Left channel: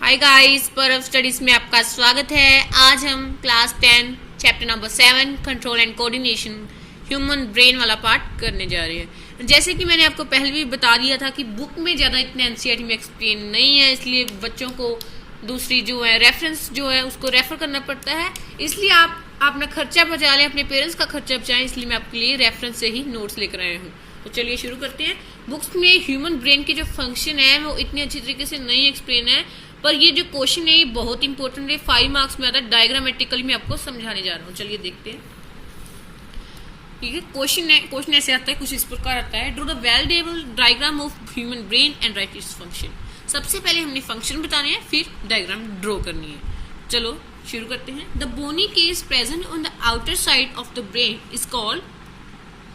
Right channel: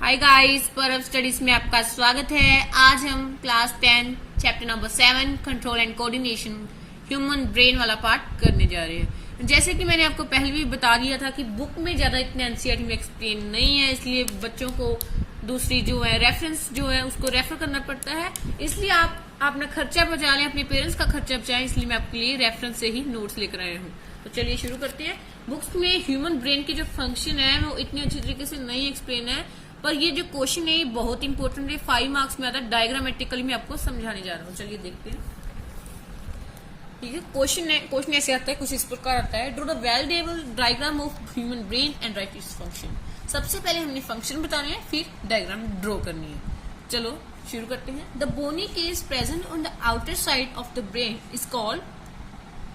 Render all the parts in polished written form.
Hi guys, परव studies में आपका स्वागत है। आज हम class 10 chapter number 7 control and coordination human brain वाला पार्ट करने जा रहे हैं। जैसे कि मैंने आपको पहले भी बता दिया था कि बुक में ज़्यादा इतने एनसीईआरटी में एक्सप्लेन नहीं है, इसलिए बच्चों को दूसरी जो है रेफरेंस जो है उसको रेफर करना पड़ता है। इसलिए आप अपना खर्चा बचा लें, अपने पेरेंट्स का खर्चा बचाएं, इसलिए मैं आपके लिए रेफरेंस से ही नोट्स लेकर आया हूँ। तो चलिए शुरू करते हैं। बुक्स में ह्यूमन ब्रेन की जो फंक्शन है वो इतनी अच्छी तरीके से नहीं एक्सप्लेन है, पर ये जो क्वेश्चन है ये बहुत इंपॉर्टेंट है, 5 मार्क्स में आता है। डायग्रामेटिकली मैं आपको समझाने जा रहा हूँ। चलिए देखते हैं। ठीक है, क्वेश्चन ऐसे आता है, कुछ इस प्रकार आता है। Draw the well diagram of human brain and right its function. सबसे पहले हमने फंक्शन बताने हैं, फिर डायग्राम ड्रॉ करनी है। चलो शुरू करते हैं। The bony case present on the outer side of the brain is called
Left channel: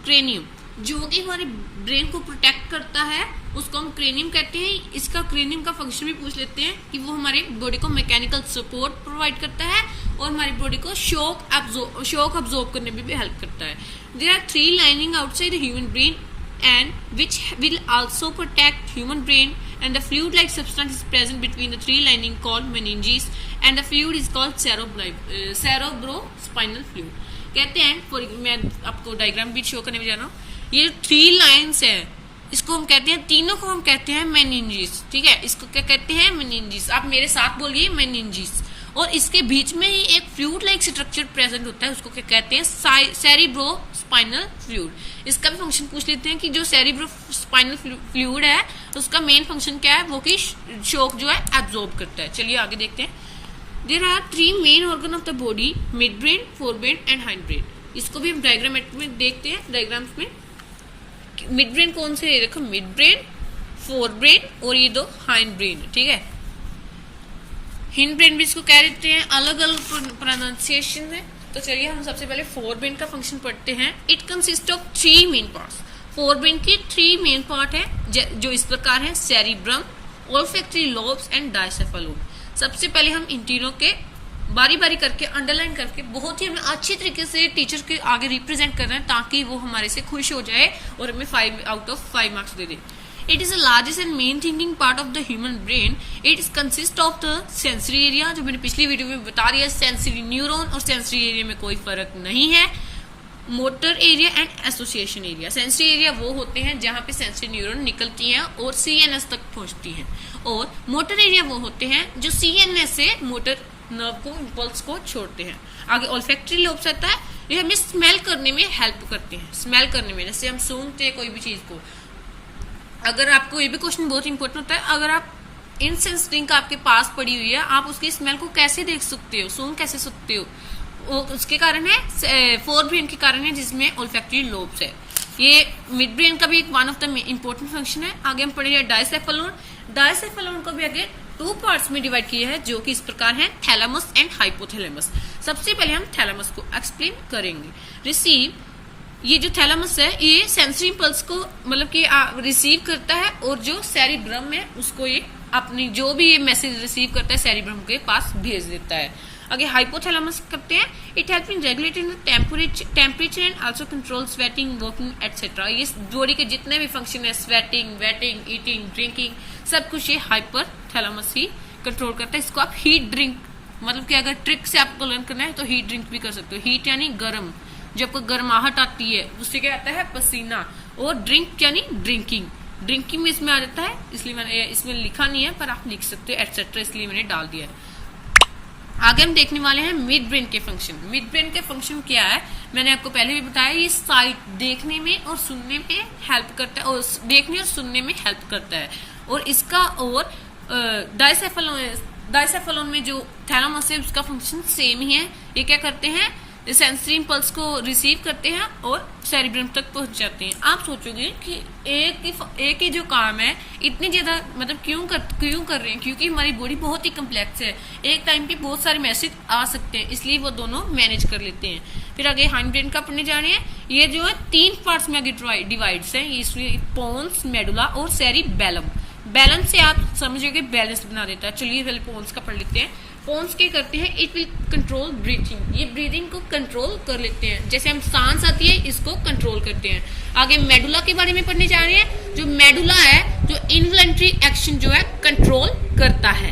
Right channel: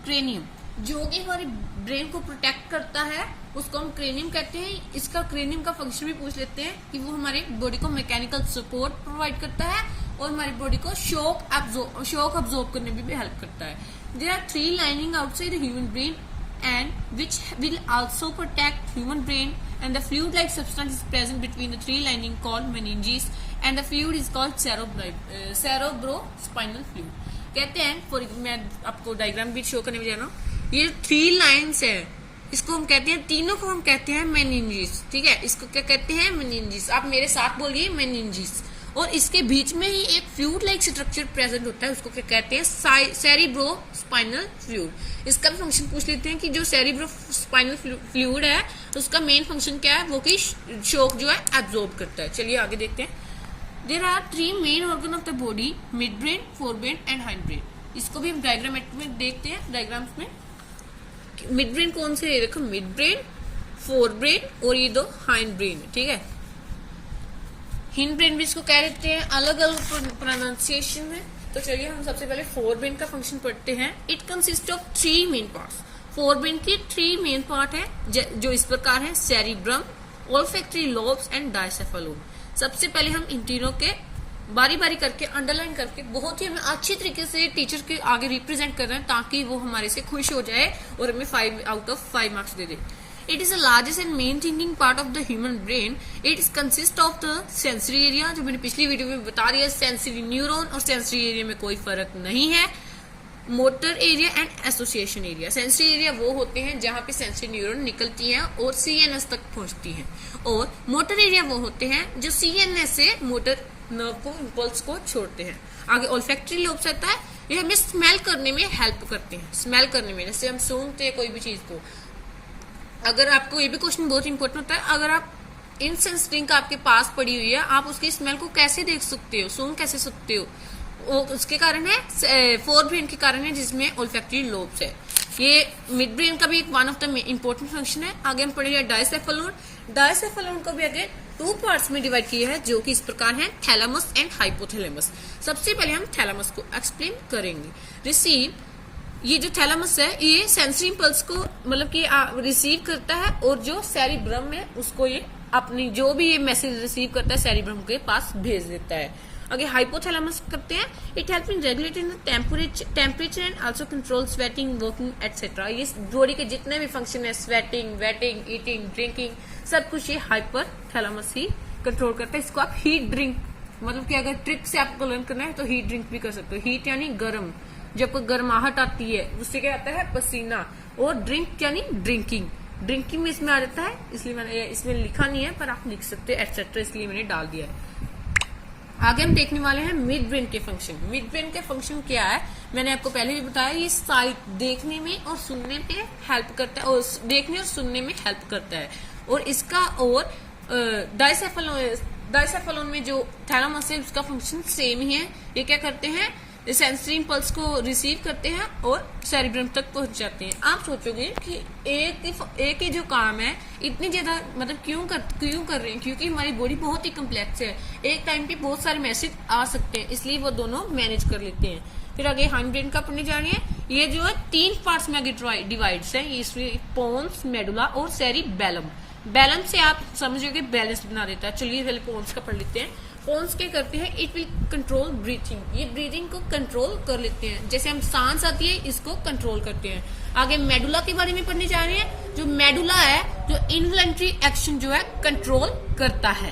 cranium. जो कि हमारे ब्रेन को प्रोटेक्ट करता है उसको हम क्रेनियम कहते हैं। इसका क्रेनियम का फंक्शन भी पूछ लेते हैं कि वो हमारे बॉडी को मैकेनिकल सपोर्ट प्रोवाइड करता है और हमारी बॉडी को शॉक अब्जॉर्ब करने में भी हेल्प करता है। There are 3 lining outside the human brain and which will also protect human brain, and the fluid like substance is present between the 3 lining called meninges, and the fluid is called cerebrospinal fluid। कहते हैं, मैं आपको diagram भी show करने में जा रहा हूँ। ये 3 लाइन्स है, इसको हम कहते हैं, तीनों को हम कहते हैं मेनिंजेस। ठीक है, इसको क्या कहते हैं? मेनिंजेस। आप मेरे साथ बोलिए, मेनिंजेस। और इसके बीच में ही एक फ्लूइड लाइक स्ट्रक्चर प्रेजेंट होता है, उसको क्या कहते हैं? Cerebrospinal fluid. इसका भी फंक्शन पूछ लेते हैं कि जो सेरिब्रोस्पाइनल फ्लूइड है उसका मेन फंक्शन क्या है? वो कि शॉक जो है एब्जॉर्ब करता है। चलिए आगे देखते हैं। There are 3 main organ of the body, mid brain, fore brain and hind brain. इसको भी हम डायग्राम में देखते हैं। डायग्राम्स में मिड ब्रेन कौन से? देखो, मिड ब्रेन, फोर ब्रेन और ये 2 हाइंड ब्रेन। ठीक है, हिंड ब्रेन भी इसको कह देते हैं, अलग अलग प्रोनाउंसिएशन है। तो चलिए हम सबसे पहले फोर ब्रेन का फंक्शन पढ़ते हैं। It consist of 3 main parts. Fore brain की 3 मेन पार्ट है जो इस प्रकार है: सेरिब्रम, ओल्फैक्टरी लोब्स एंड डायसेफेलोन। सबसे पहले हम इन तीनों के बारी बारी करके अंडरलाइन करके बहुत ही हमें अच्छी तरीके से टीचर के आगे रिप्रेजेंट कर रहे हैं, ताकि वो हमारे से खुश हो जाए और हमें 5 out of 5 marks they they. It is the largest and main thinking part of the human brain. It consists of the sensory area, जो मैंने पिछली वीडियो में बता दिया। सेंसरी न्यूरॉन और सेंसरी एरिया में कोई फर्क नहीं है। Motor area and association area. Sensory area वो होते हैं जहाँ पे सेंसरी न्यूरॉन निकलती हैं और सीएनएस तक पहुँचती हैं, और मोटर एरिया वो होते हैं जो सीएनएस से मोटर नर्व को, इम्पल्स को छोड़ते हैं। आगे ओल्फैक्टरी लोब्स आता है, ये हमें स्मेल करने में हेल्प करते हैं। स्मेल करने में, जैसे हम सूंघते हैं कोई भी चीज को। अगर आपको ये भी क्वेश्चन बहुत इंपॉर्टेंट होता है, अगर आप इंसेंस ड्रिंक आपके पास पड़ी हुई है, आप उसकी स्मेल को कैसे देख सकते हो, सूंघ कैसे सकते हो? वो उसके कारण है, फोर ब्रेन के कारण है, जिसमें ओल्फैक्टरी लोब्स है। ये मिड ब्रेन का भी एक one of the important function है। आगे हम पढ़ेंगे डायसेफेलोन। डायसेफेलोन को भी आगे 2 पार्ट्स में डिवाइड किया है, जो कि इस प्रकार है: थैलेमस एंड हाइपोथैलेमस। सबसे पहले हम थैलेमस को एक्सप्लेन करेंगे। रिसीव, ये जो थैलेमस है ये सेंसरी इम्पल्स को मतलब कि रिसीव करता है, और जो सेरिब्रम है उसको ये अपनी जो भी ये मैसेज रिसीव करता है सेरिब्रम के पास भेज देता है। आगे हाइपोथैलेमस करते हैं। It help in regulating temperature and also control sweating, working etcetera. ये बॉडी के जितने भी फंक्शन है, स्वेटिंग, वेटिंग, ईटिंग, ड्रिंकिंग, सब कुछ ये हाइपोथैलेमस ही कंट्रोल करता है। इसको आप हीट ड्रिंक, मतलब कि अगर ट्रिक से आपको लर्न करना है तो हीट ड्रिंक भी कर सकते हो। हीट यानी गर्म, जब कोई गर्माहट आती है उससे क्या आता है? पसीना। और ड्रिंक यानी ड्रिंकिंग, ड्रिंकिंग में इसमें आ जाता है, इसलिए मैंने इसमें लिखा नहीं है, पर आप लिख सकते हो एटसेट्रा, इसलिए मैंने डाल दिया है। आगे हम देखने वाले हैं मिड ब्रेन के फंक्शन। मिड ब्रेन के फंक्शन क्या है? मैंने आपको पहले भी बताया, ये साइट देखने में और सुनने में हेल्प करता है, और देखने और सुनने में हेल्प करता है। और इसका और डायसेफेलोन में जो थैलेमस है उसका फंक्शन सेम ही है। ये क्या करते हैं? सेंसरी इम्पल्स को रिसीव करते हैं और सेरिब्रम तक पहुंच जाते हैं। आप सोचोगे कि एक ही जो काम है इतनी ज्यादा मतलब क्यों कर रहे हैं? क्योंकि हमारी बॉडी बहुत ही कम्प्लेक्स है, एक टाइम पे बहुत सारे मैसेज आ सकते हैं, इसलिए वो दोनों मैनेज कर लेते हैं। फिर आगे हाइंड ब्रेन का पढ़ने जा रहे हैं। ये जो है 3 पार्ट्स में आगे डिवाइड्स है, इसलिए पोन्स, मेडुला और सेरिबेलम। बैलेंस से आप समझोगे बैलेंस बना देता है। चलिए पहले पोन्स का पढ़ लेते हैं। पोन्स क्या करते हैं? इट विल कंट्रोल ब्रीथिंग, ये ब्रीदिंग को कंट्रोल कर लेते हैं। जैसे हम सांस आती है इसको कंट्रोल करते हैं। आगे मेडुला के बारे में पढ़ने जा रहे हैं। जो मेडुला है जो इनवॉलंटरी एक्शन जो है कंट्रोल करता है।